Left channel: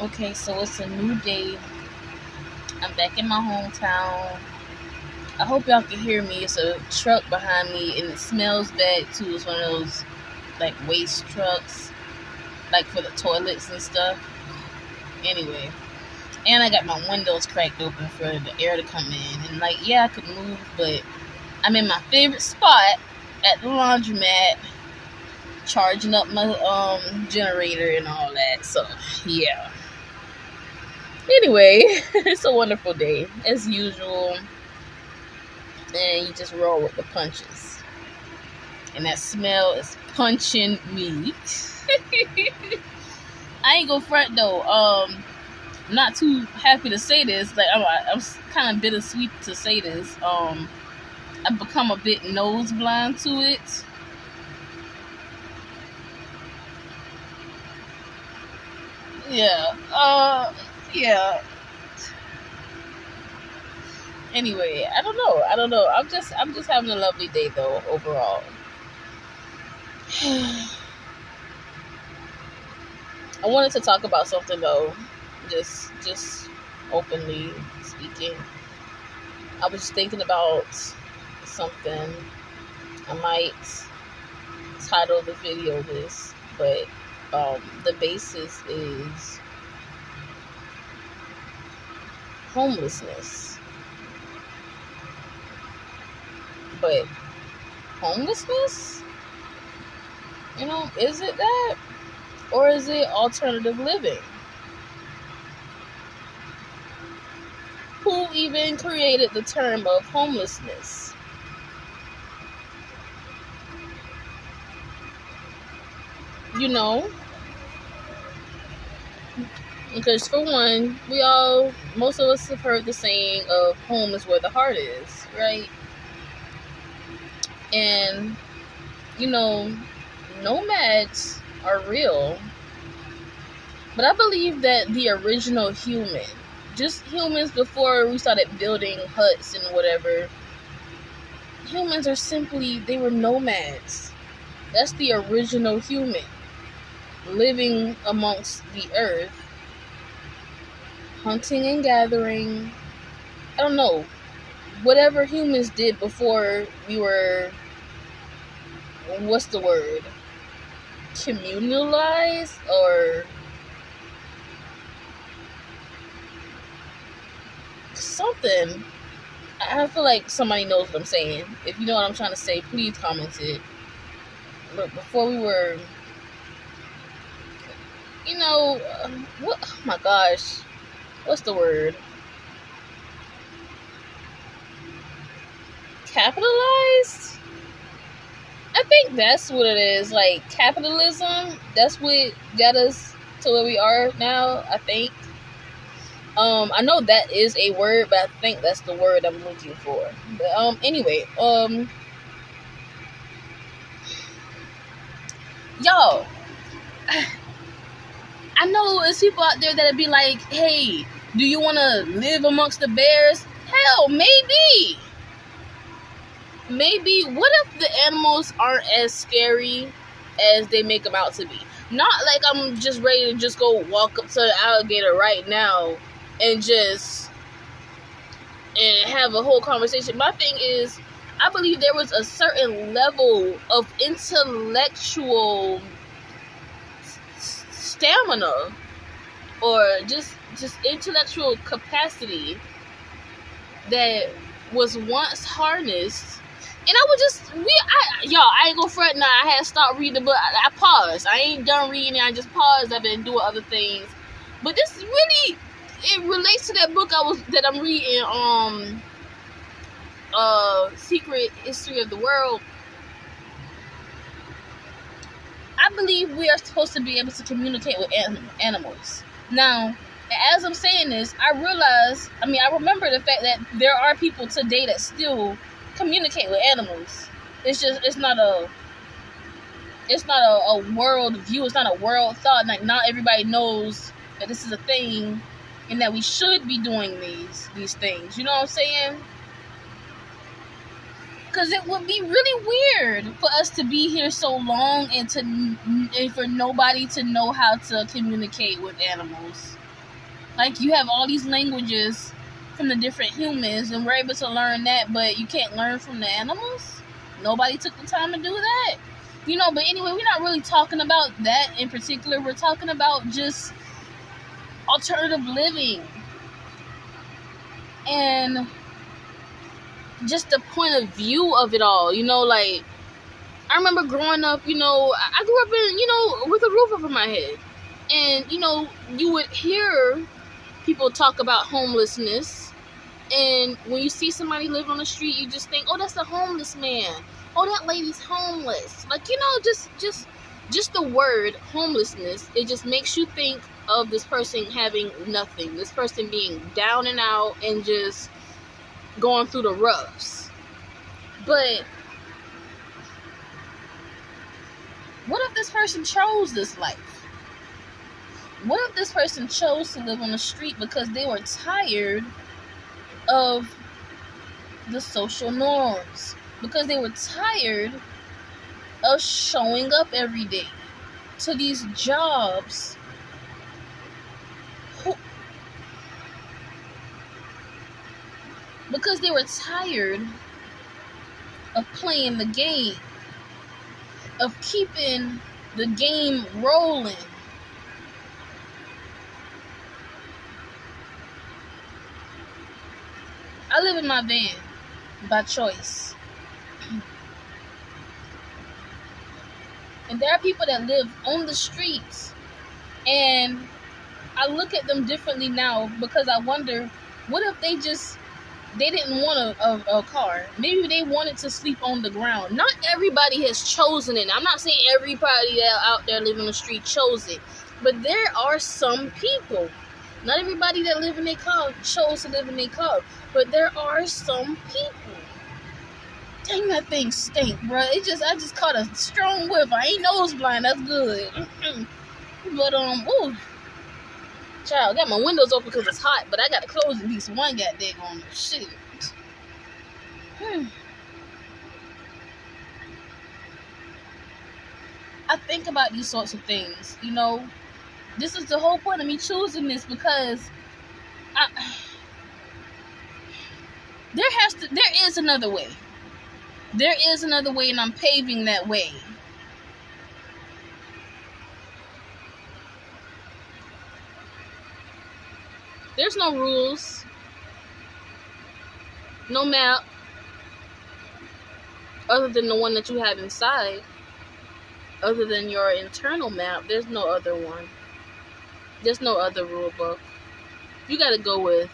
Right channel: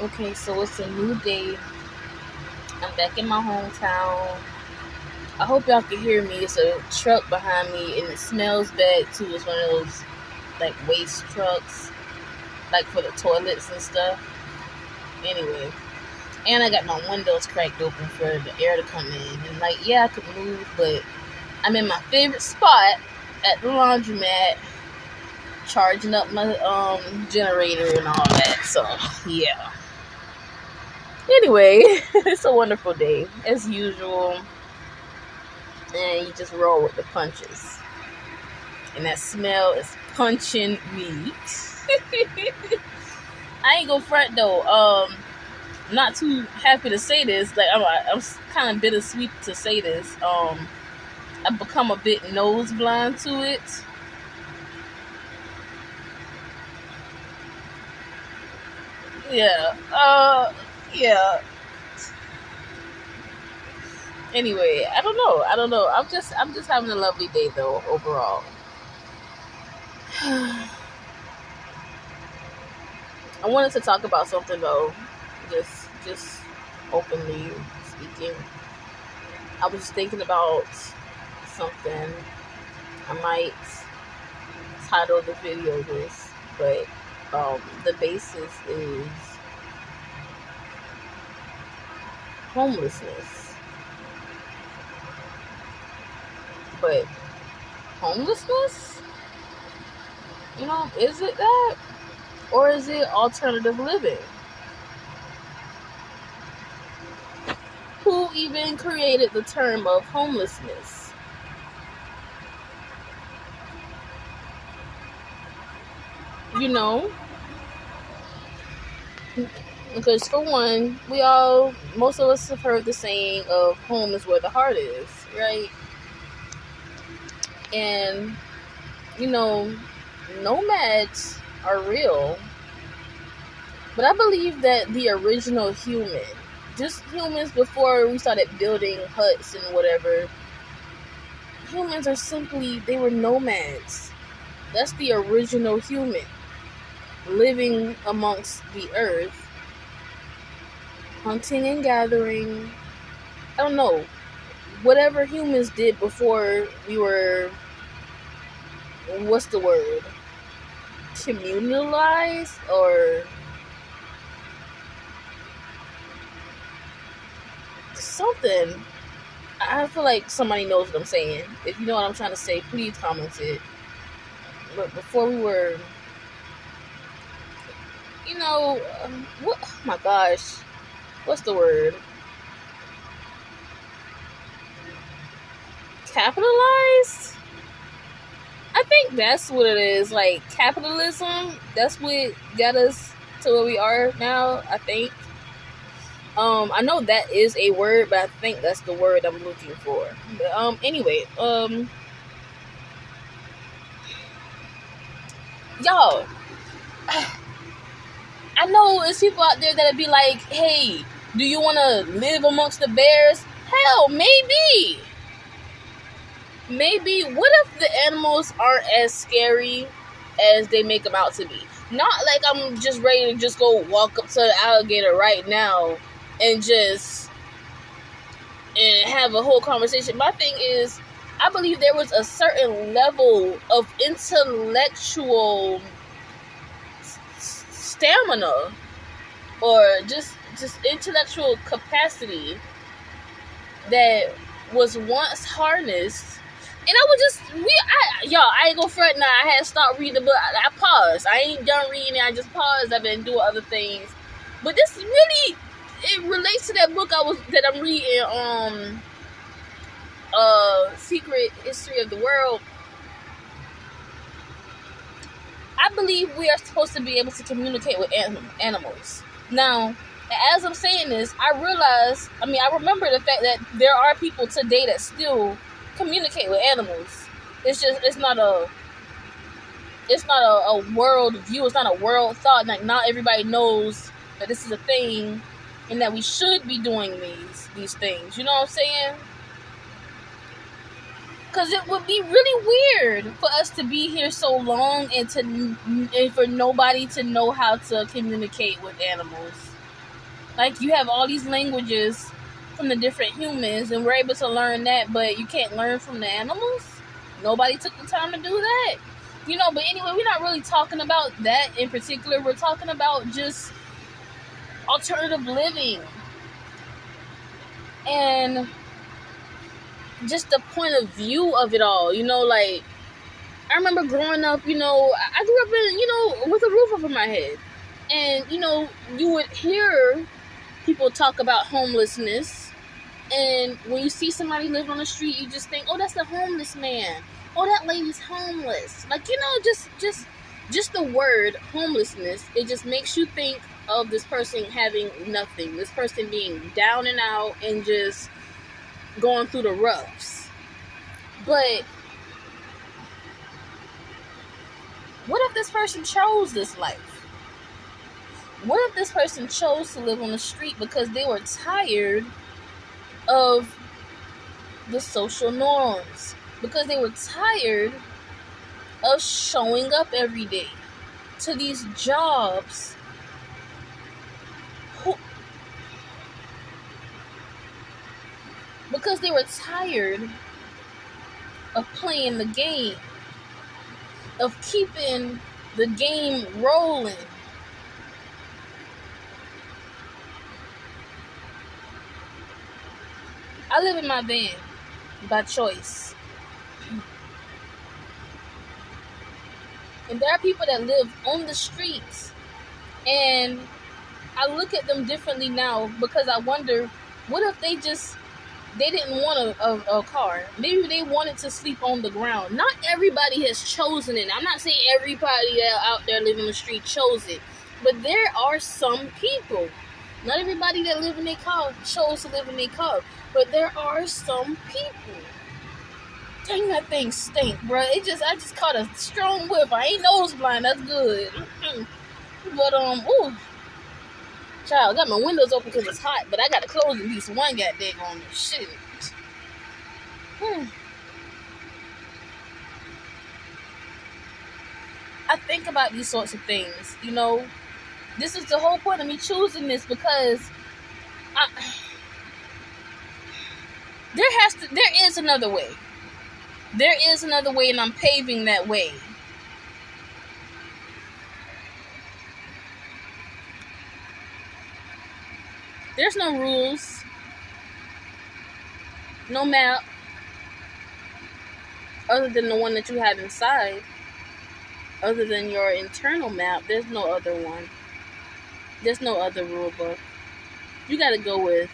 Okay, so it's a new day. I'm back in my hometown. I hope y'all can hear me. It's a truck behind me and it smells bad too. It's one of those like waste trucks, like for the toilets and stuff. Anyway, and I got my windows cracked open for the air to come in. And like, yeah, I could move, but I'm in my favorite spot at the laundromat, charging up my generator and all that. So yeah. Anyway, it's a wonderful day as usual, and you just roll with the punches. And that smell is punching me. I ain't gonna front though. Not too happy to say this. Like I'm kind of bittersweet to say this. I've become a bit nose blind to it. Yeah. Yeah. Anyway, I don't know. I'm just having a lovely day though overall. I wanted to talk about something though, just openly speaking. I was just thinking about something. I might title the video this, but the basis is homelessness. But homelessness, is it that, or is it alternative living? Who even created the term of homelessness? You know, because for one, most of us have heard the saying of home is where the heart is, right? And, nomads are real, but I believe that the original human, just humans before we started building huts and whatever, humans they were nomads. That's the original human, living amongst the earth, hunting and gathering. I don't know, whatever humans did before we were, what's the word, communalized, or something. I feel like somebody knows what I'm saying. If you know what I'm trying to say, please comment it. But before we were, what? Oh my gosh, what's the word? Capitalized? I think that's what it is. Like capitalism. That's what got us to where we are now. I think. I know that is a word, but I think that's the word I'm looking for. But, anyway, y'all, I know there's people out there that'd be like, hey, do you want to live amongst the bears? Hell, maybe. Maybe. What if the animals aren't as scary as they make them out to be? Not like I'm just ready to just go walk up to the alligator right now and have a whole conversation. My thing is, I believe there was a certain level of intellectual stamina, or just intellectual capacity that was once harnessed. And I would I ain't gonna front now. I had to stop reading the book. I paused. I ain't done reading. I just paused. I've been doing other things. But this really, it relates to that book that I'm reading, Secret History of the World. I believe we are supposed to be able to communicate with animals. Now, as I'm saying this, I remember the fact that there are people today that still communicate with animals. It's not a world view. It's not a world thought. Like, not everybody knows that this is a thing, and that we should be doing these things. You know what I'm saying? Because it would be really weird for us to be here so long and for nobody to know how to communicate with animals. Like, you have all these languages from the different humans, and we're able to learn that, but you can't learn from the animals? Nobody took the time to do that. But anyway, we're not really talking about that in particular. We're talking about just alternative living. And just the point of view of it all. Like, I remember growing up, I grew up in, with a roof over my head. And, you would hear people talk about homelessness. And when you see somebody living on the street, you just think, oh, that's a homeless man. Oh, that lady's homeless. Like, just the word homelessness, it just makes you think of this person having nothing. This person being down and out and just going through the roughs. But what if this person chose this life? What if this person chose to live on the street because they were tired of the social norms? Because they were tired of showing up every day to these jobs because they were tired of playing the game, of keeping the game rolling. I live in my van by choice. And there are people that live on the streets, and I look at them differently now because I wonder, what if they didn't want a car? Maybe they wanted to sleep on the ground. Not everybody has chosen it. I'm not saying everybody that out there living on the street chose it, but there are some people. Not everybody that live in their car chose to live in their car, but there are some people. Dang, that thing stink, bro. I just caught a strong whiff. I ain't nose blind. That's good. But ooh, child, I got my windows open because it's hot, but I got to close at least one goddamn on shit. I think about these sorts of things. This is the whole point of me choosing this, because there is another way. There is another way, and I'm paving that way. There's no rules, no map, other than the one that you have inside. Other than your internal map, there's no other one. There's no other rule book. You gotta go with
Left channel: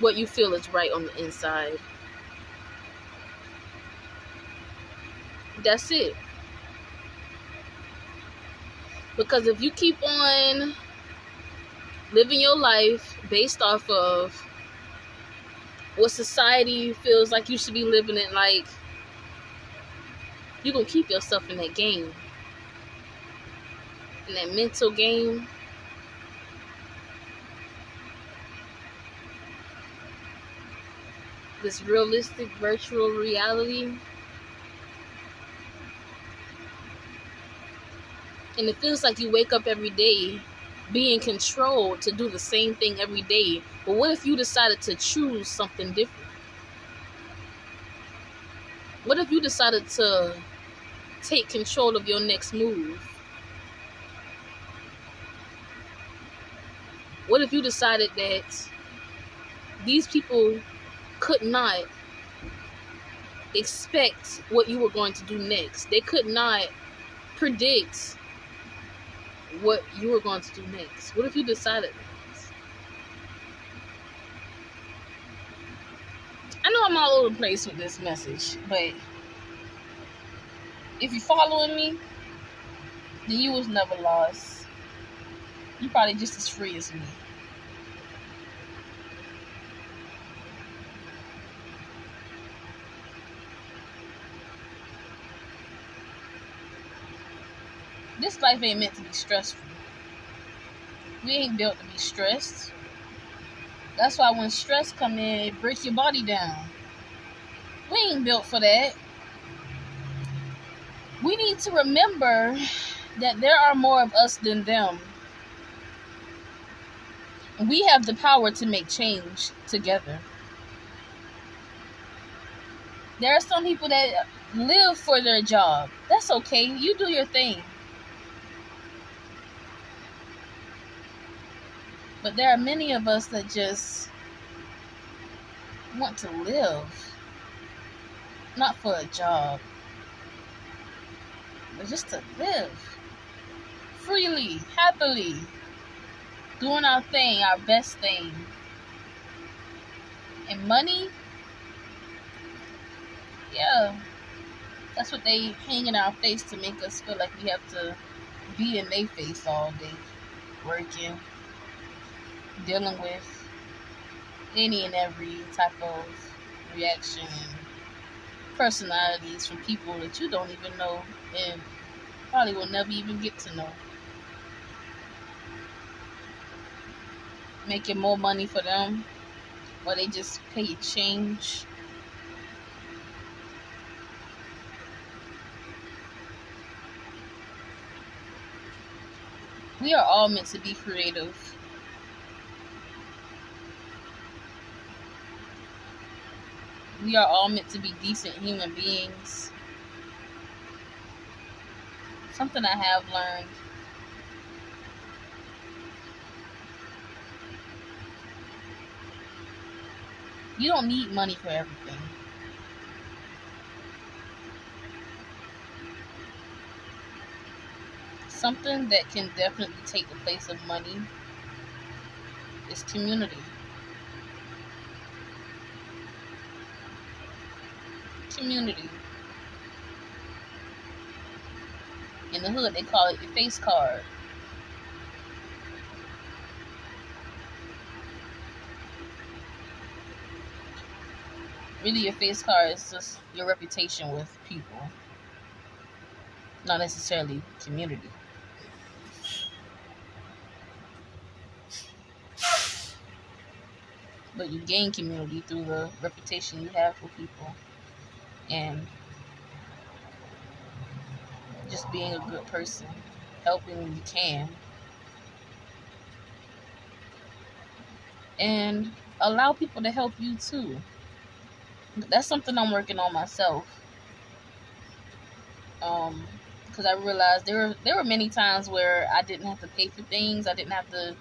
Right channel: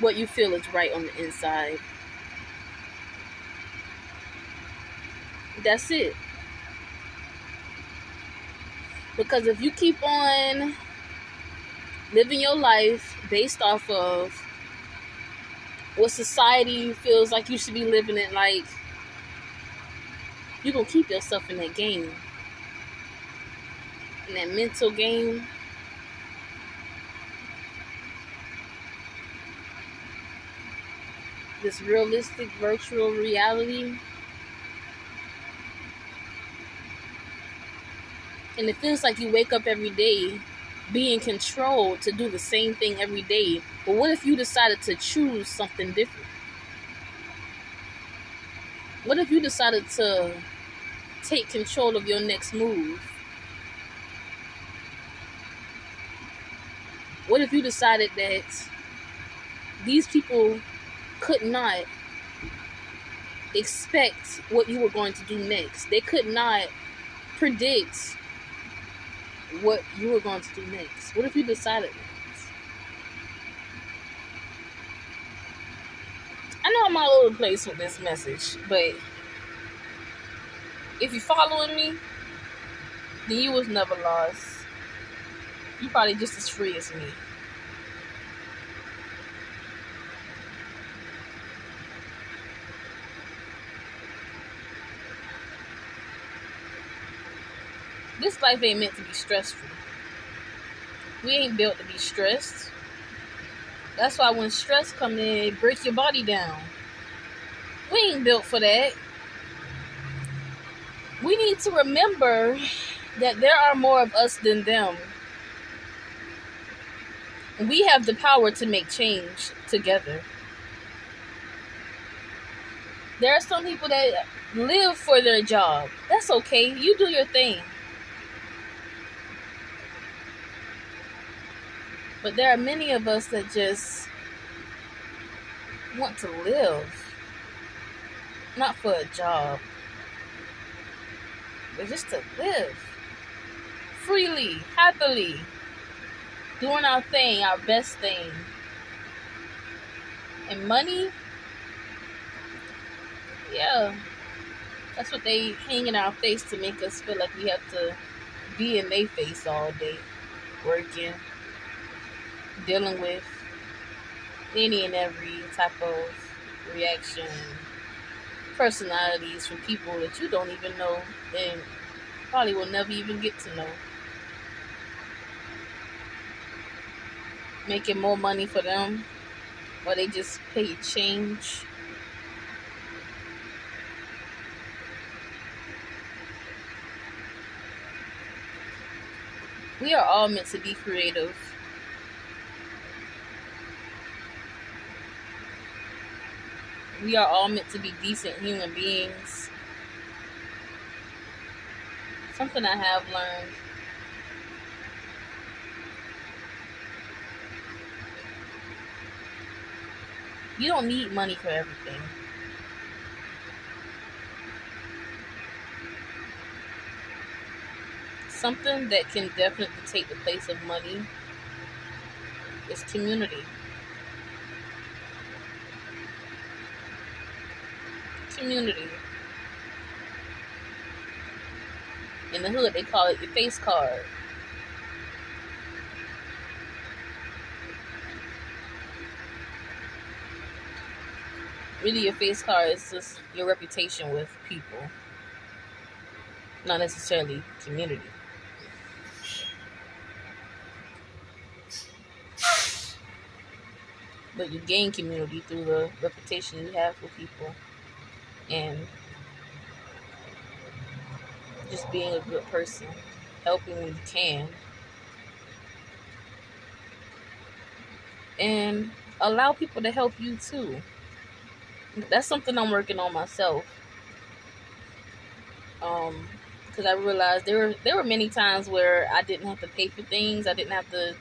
what you feel is right on the inside. That's it. Because if you keep on living your life based off of what society feels like you should be living it like, you're going to keep yourself in that game. In that mental game. This realistic virtual reality. And it feels like you wake up every day being controlled to do the same thing every day. But what if you decided to choose something different? What if you decided to take control of your next move? What if you decided that these people could not expect what you were going to do next? They could not predict what you were going to do next. What if you decided that? I know I'm all over the place with this message, but if you're following me, then you was never lost. You probably just as free as me. This life ain't meant to be stressful. We ain't built to be stressed. That's why when stress come in, it breaks your body down. We ain't built for that. We need to remember that there are more of us than them. We have the power to make change together. There are some people that live for their job. That's okay. You do your thing. But there are many of us that just want to live, not for a job, but just to live freely, happily, doing our thing, our best thing. And money, yeah, that's what they hang in our face to make us feel like we have to be in their face all day, working, dealing with any and every type of reaction, personalities from people that you don't even know and probably will never even get to know. Making more money for them, or they just pay change. We are all meant to be creative. We are all meant to be decent human beings. Something I have learned. You don't need money for everything. Something that can definitely take the place of money is community. Community. In the hood, they call it your face card. Really, your face card is just your reputation with people, not necessarily community. But you gain community through the reputation you have with people and just being a good person, helping when you can, and allow people to help you too. That's something I'm working on myself. Because I realized there were many times where I didn't have to pay for things. I didn't have to,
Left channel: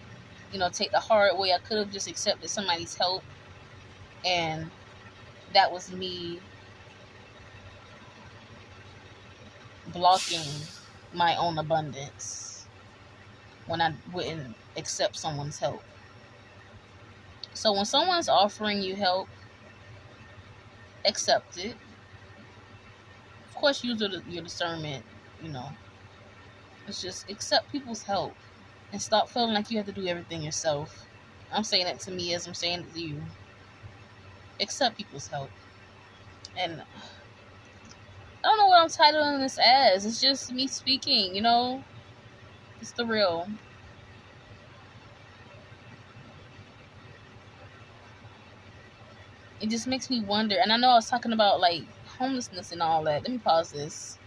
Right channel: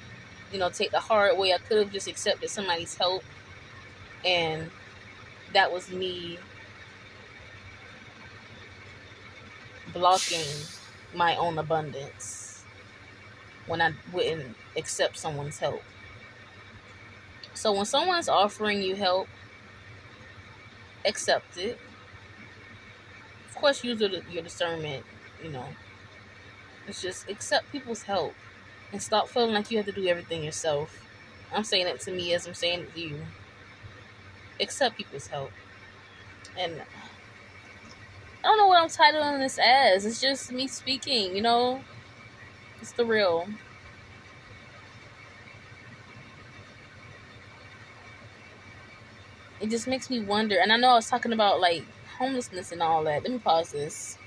take the hard way. I could have just accepted somebody's help, and that was me blocking my own abundance when I wouldn't accept someone's help. So when someone's offering you help, accept it. Of course, use your discernment, you know. It's just accept people's help and stop feeling like you have to do everything yourself. I'm saying it to me as I'm saying it to you. Accept people's help. And I don't know what I'm titling this as. It's just me speaking, It's the real. It just makes me wonder. And I know I was talking about like homelessness and all that. Let me pause this.